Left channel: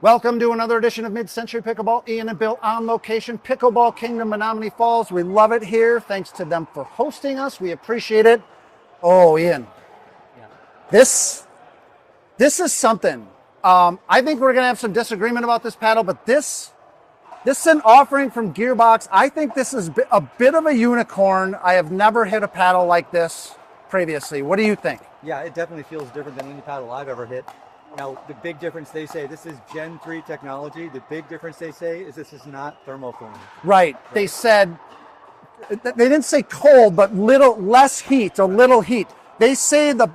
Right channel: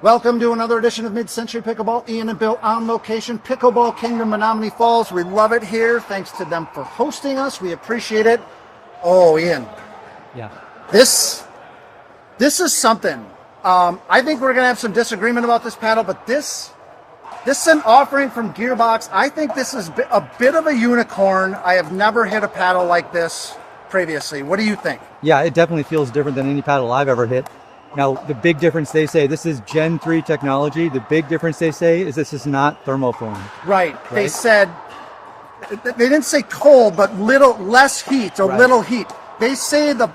Welcome to another edition of Mid-Century Pickleball. Ian and Bill on location, Pickleball Kingdom, Menominee Falls. We love it here. Thanks to them for hosting us. We appreciate it. Oh, Ian. Yeah. This is something. I think we're going to have some disagreement about this paddle, but this is an offering from Gearbox. I think this is a bit of a unicorn. I have never hit a paddle like this previously. What do you think? Yeah, it definitely feels different than any paddle I've ever hit. Now, the big difference they say, this is Gen 3 technology. The big difference they say is this is not thermoform. Right. They said, they didn't say cold, but less heat, little heat. They say the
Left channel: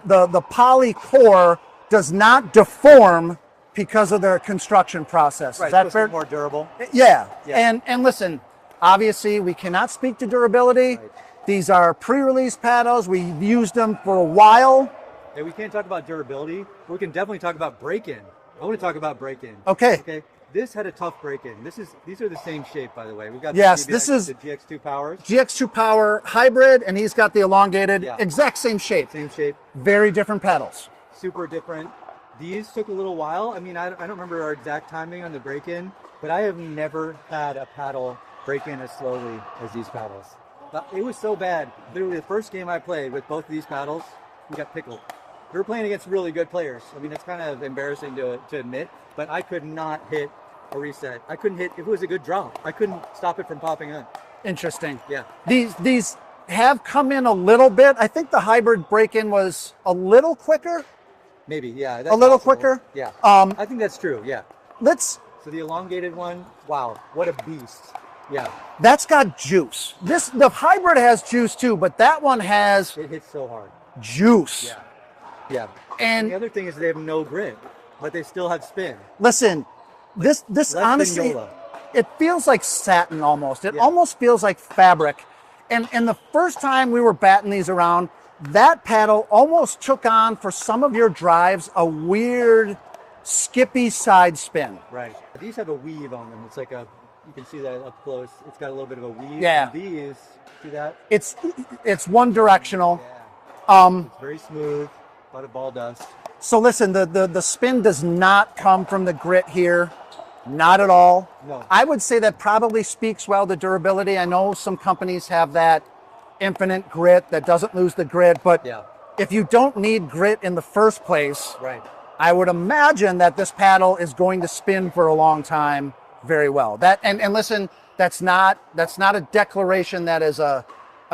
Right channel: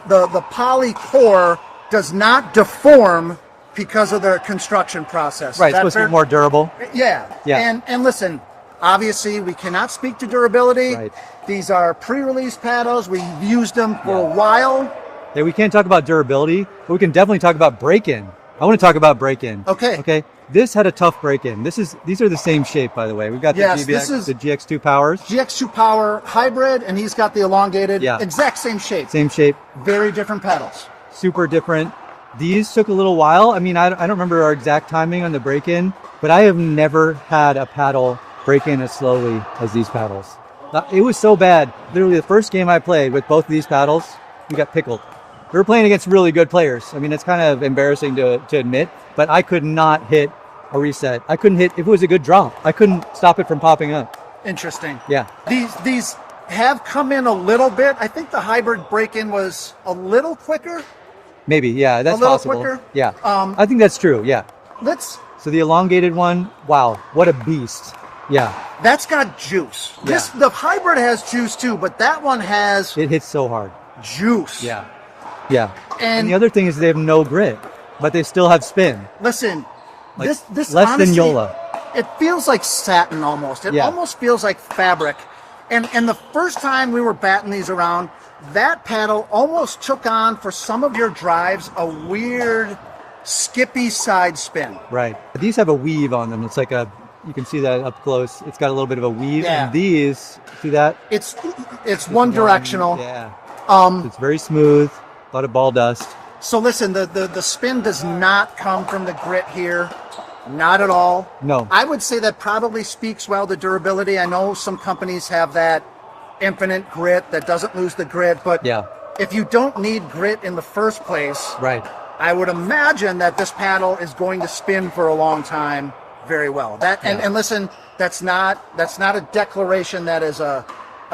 poly core does not deform because of their construction process. Right, it's supposed to be more durable. Yeah. And listen, obviously we cannot speak to durability. Right. These are pre-release paddles. We've used them for a while. Yeah, we can't talk about durability, but we can definitely talk about break-in. I want to talk about break-in. Okay. This had a tough break-in. These are the same shape, by the way. We've got the GBX, this is the GX2 powers. GX2 Power hybrid, and he's got the elongated, exact same shape. Same shape. Very different paddles. Super different. These took a little while. I mean, I don't remember our exact timing on the break-in, but I have never had a paddle break in as slowly as these paddles. It was so bad. Literally the first game I played with both of these paddles, we got pickled. We were playing against really good players. I mean, it's kind of embarrassing to admit, but I could not hit a reset. I couldn't hit, if it was a good drop, I couldn't stop it from popping up. Interesting. Yeah. These have come in a little bit. I think the hybrid break-in was a little quicker. Maybe, yeah, that's a little possible. quicker. Yeah, I think that's true. Yeah. So the elongated one, wow, what a beast. Yeah. That's got juice. Yeah. The hybrid has juice too, but that one has. It hits so hard. Juice. Yeah. Yeah. And the other thing is they have no grit, but they still have spin. Listen, like this less honestly, than Yola. It feels like satin almost. It almost feels like fabric. And the first time we were batting these around, that paddle almost took on, for some of your drives, a weird skippy side spin. Right. These have a weave on them. It's like you can see that up close. It's got a little bit of a weave. Yeah. And these, see that? It's one directional. Yeah. It's very smooth. A lot of ball dust. So listen, the spin does not come from the grit here. Not at all. No. I would say that probably speaks well to durability. I know some companies have that infinite grit that doesn't lose the grit, but if you don't need grit in the first place, right, I would imagine that this paddle is going to spin for a long time very well. And listen, that's not a declaration, that is a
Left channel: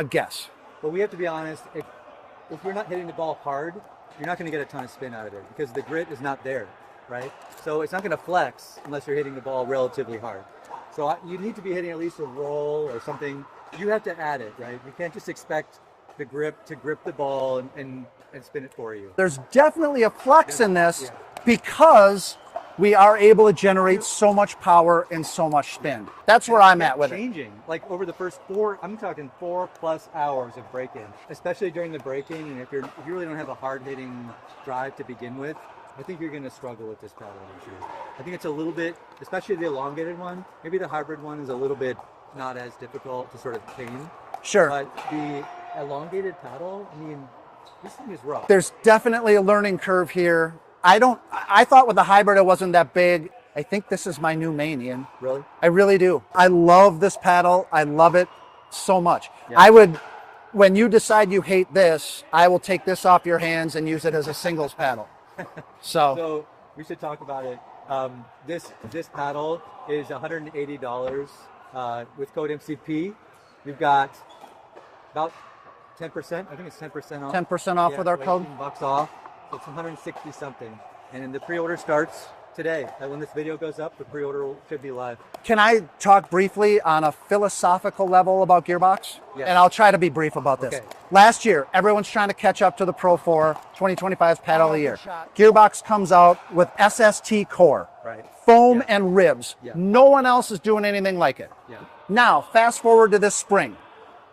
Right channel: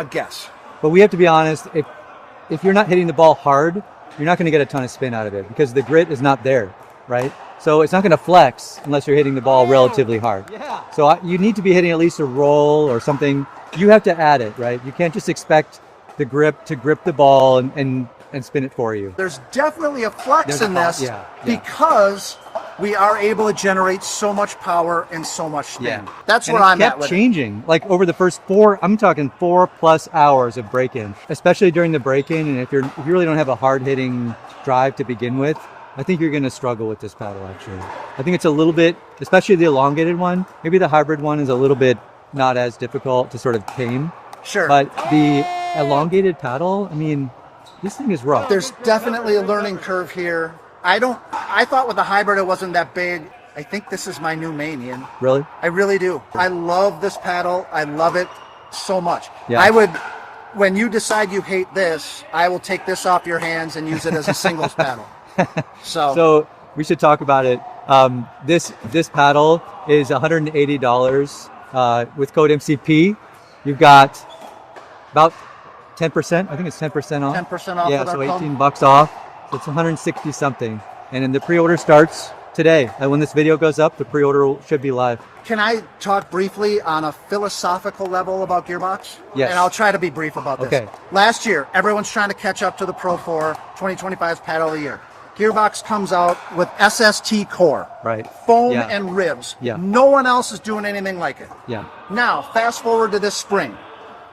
guess. But we have to be honest, if you're not hitting the ball hard, you're not going to get a ton of spin out of it because the grit is not there, right? So it's not going to flex unless you're hitting the ball relatively hard. Yeah. So you need to be hitting at least a roll or something. You have to add it, right? You can't just expect the grip to grip the ball and spin it for you. There's definitely a flex in this because we are able to generate so much power and so much spin. Yeah. That's where I'm at with it. It kept changing. Like over the first 4+ hours of break-in, especially during the break-in. And if you really don't have a hard-hitting drive to begin with, I think you're going to struggle with this paddle, actually. I think it's a little bit, especially the elongated one, maybe the hybrid one is a little bit not as difficult to sort of tame. Sure. But the elongated paddle, I mean, this thing is rough. There's definitely a learning curve here. I thought with the hybrid it wasn't that big. I think this is my new main, Ian. Really? I really do. I love this paddle. I love it so much. Yeah. When you decide you hate this, I will take this off your hands and use it as a singles paddle. So we should talk about it. This paddle is $180 with code MCP. You've got about 10%. I think it's 10% off. 10% off. Yeah, with our so code. $18 off. So it's 160 something. And then the pre-order starts today. And when this video goes up, the pre-order should be live. Can I talk briefly on a philosophical level about Gearbox? Yes. And I'll try to be brief about this. Okay. Last year, everyone's trying to catch up to the Pro 4 2025's paddle of the year. Gearbox comes out with SST core. Right. Foam and ribs. Yeah. No one else is doing anything like it. Yeah. Now, fast forward to this spring.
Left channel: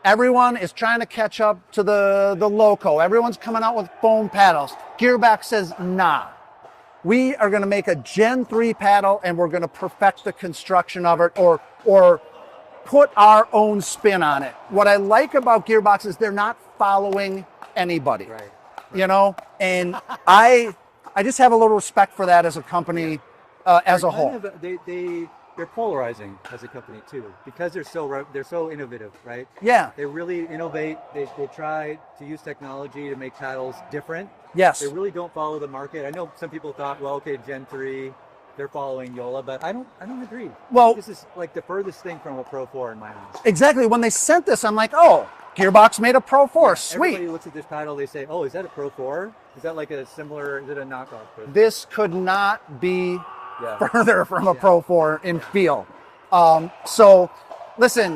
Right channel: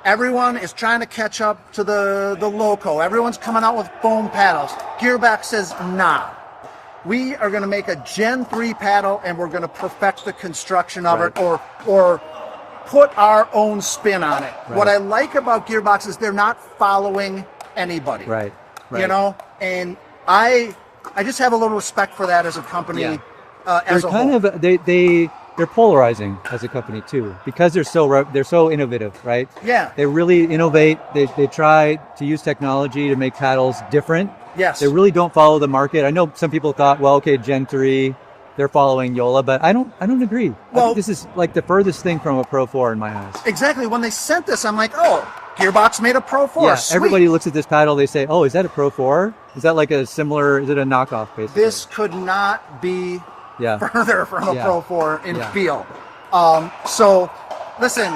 Everyone is trying to catch up to the Loco. Everyone's coming out with foam paddles. Gearbox says, nah. We are going to make a Gen 3 paddle and we're going to perfect the construction of it or put our own spin on it. Right. What I like about Gearbox is they're not following anybody. Right. You know, and I just have a little respect for that as a company. as they're a whole. They're polarizing as a company too, because they're so innovative, right? Yeah. They really innovate. They try to use technology to make paddles different. Yes. They really don't follow the market. I know some people thought, well, okay, Gen 3, they're following Yola, but I don't agree. I think this is like the furthest thing from a Pro 4 in my eyes. Exactly. When they sent this, I'm like, oh, Gearbox made a Pro 4. Yeah, Sweet. everybody looks at this paddle, they say, oh, is that a Pro 4? Is that like is it a knockoff basically? This could not be yeah. further from a Yeah. Pro 4 in Yeah. feel. So listen.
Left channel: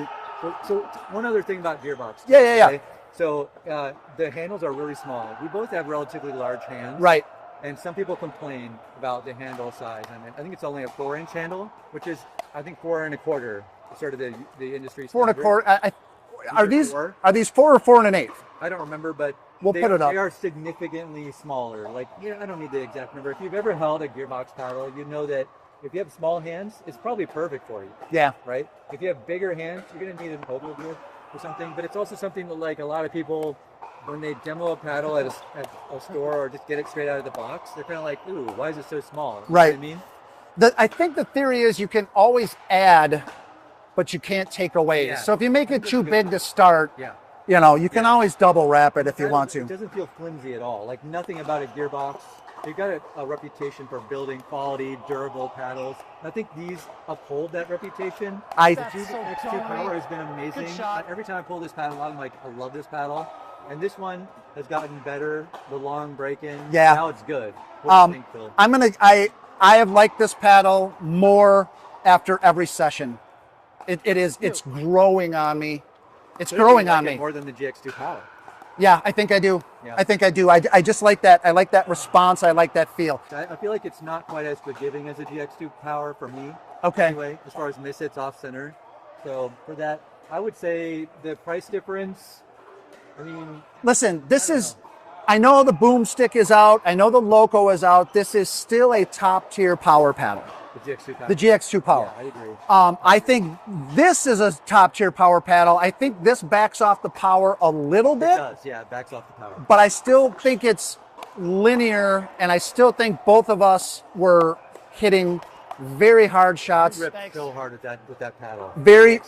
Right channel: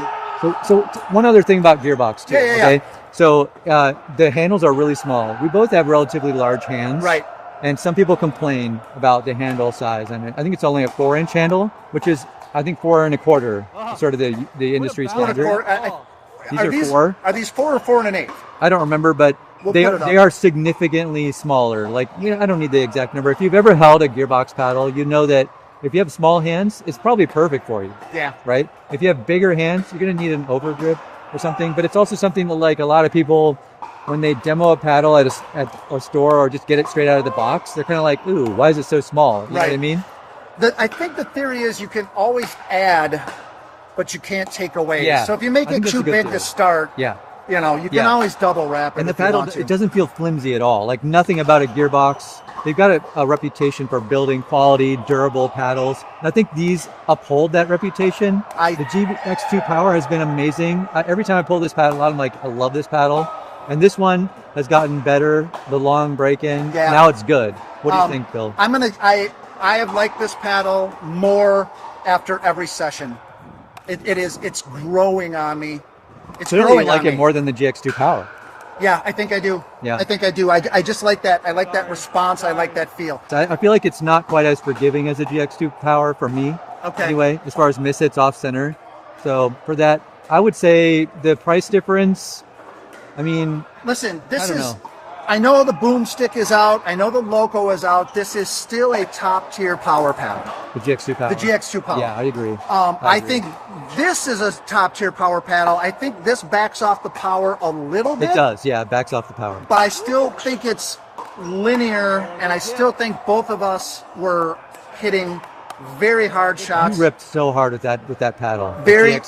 So one other thing about Gearbox too. Yeah. Okay. So the handles are really small. We both have relatively large hands. Right. And some people complain about the handle size, and I think it's only a 4-inch handle, which is I think 4 1/4, sort of the industry standard. Are these 4 or 4 1/8? I don't remember, but We'll they put it up. are significantly smaller. Like, I don't need the exact number. If you've ever held a Gearbox paddle, you know that if you have small hands, it's probably perfect for you. Yeah. Right? If you have bigger hands, you're going to need an overgrip or something. But it's also something that, like, a lot of people, when they demo a paddle at a store or just get it straight out of the box, they're kind of like, ooh, why is it so small? You know what I mean? I think the theory is you can always add, but you can't take away. Yeah. So if you make I it think that's too a good big thing. to start, Yeah. you can always double wrap it And the if you paddle, want to. it doesn't feel flimsy at all. Like, nothing about a Gearbox. They've got a reputation for building quality, durable paddles. And I think these uphold that reputation. The GBX2 Power has been amazing. Every time I pull this paddle out, I'm like, I love this paddle. And this one has gotten better. The long break-in. Yeah. Now it's good. What do you think, Bill? I have liked this paddle more after every session. It's growing on me. It's Clearly growing you like on it me. more than the GX2 Power. Yeah, I think I do. Yeah. I think I do. I just like that. I like that response. I like that feel. I feel like it's not quite as forgiving as a GX2 Power for me. Okay. Anyway, as far as mishits off center. So for that, I would say the price difference, I mean, Listen, I don't know. I know the boomstick is out. I know the Loco is out. This is still a top tier power paddle. The GX2 Power. The GX2 Power. Yeah, I agree. I think this is a top tier power paddle. I think this backs off the power a little bit. It does, yeah, it backs off the power. But I still think it's linear, and I still think both of us were hitting very hard shots. You ripped so hard with that paddle. Very.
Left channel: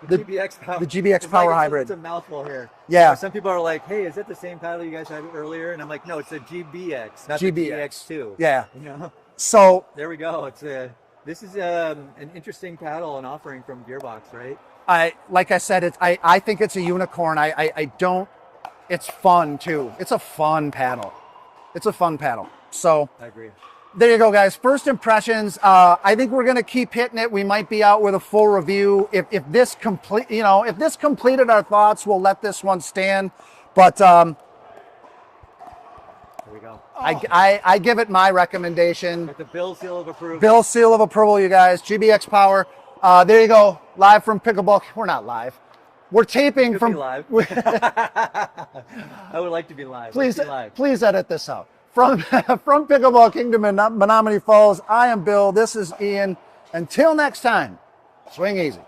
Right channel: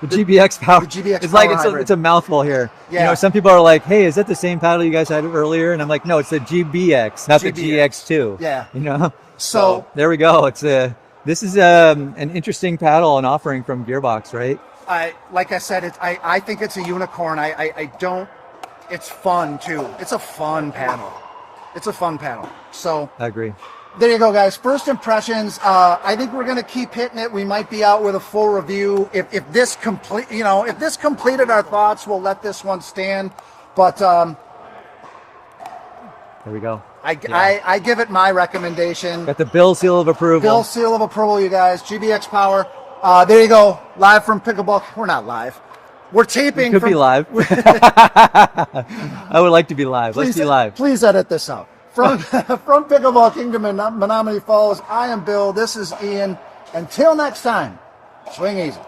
The GBX Power. The GBX it's like Power hybrid. it's a mouthful here. Yeah. You know, some people are like, "Hey, is that the same paddle you guys had earlier?" And I'm like, "No, it's the GBX, not the GX2." Yeah. You know. So there we go. This is an interesting paddle and offering from Gearbox, right? Like I said, I think it's a unicorn. I don't. It's fun too. It's a fun paddle. It's a fun paddle. So I agree. There you go, guys. First impressions. I think we're gonna keep hitting it. We might be out with a full review. If this completed our thoughts, we'll let this one stand. But there we go. I give it my recommendation. Got the Bill seal of approval. Bill seal of approval, you guys. GBX Power. There you go. Live from Pickleball. We're not live. We're taping. Could be live. I would like to be live. Let's be live. Please edit this out. From Pickleball Kingdom in Menominee Falls, I am Bill. This is Ian. Until next time, swing easy.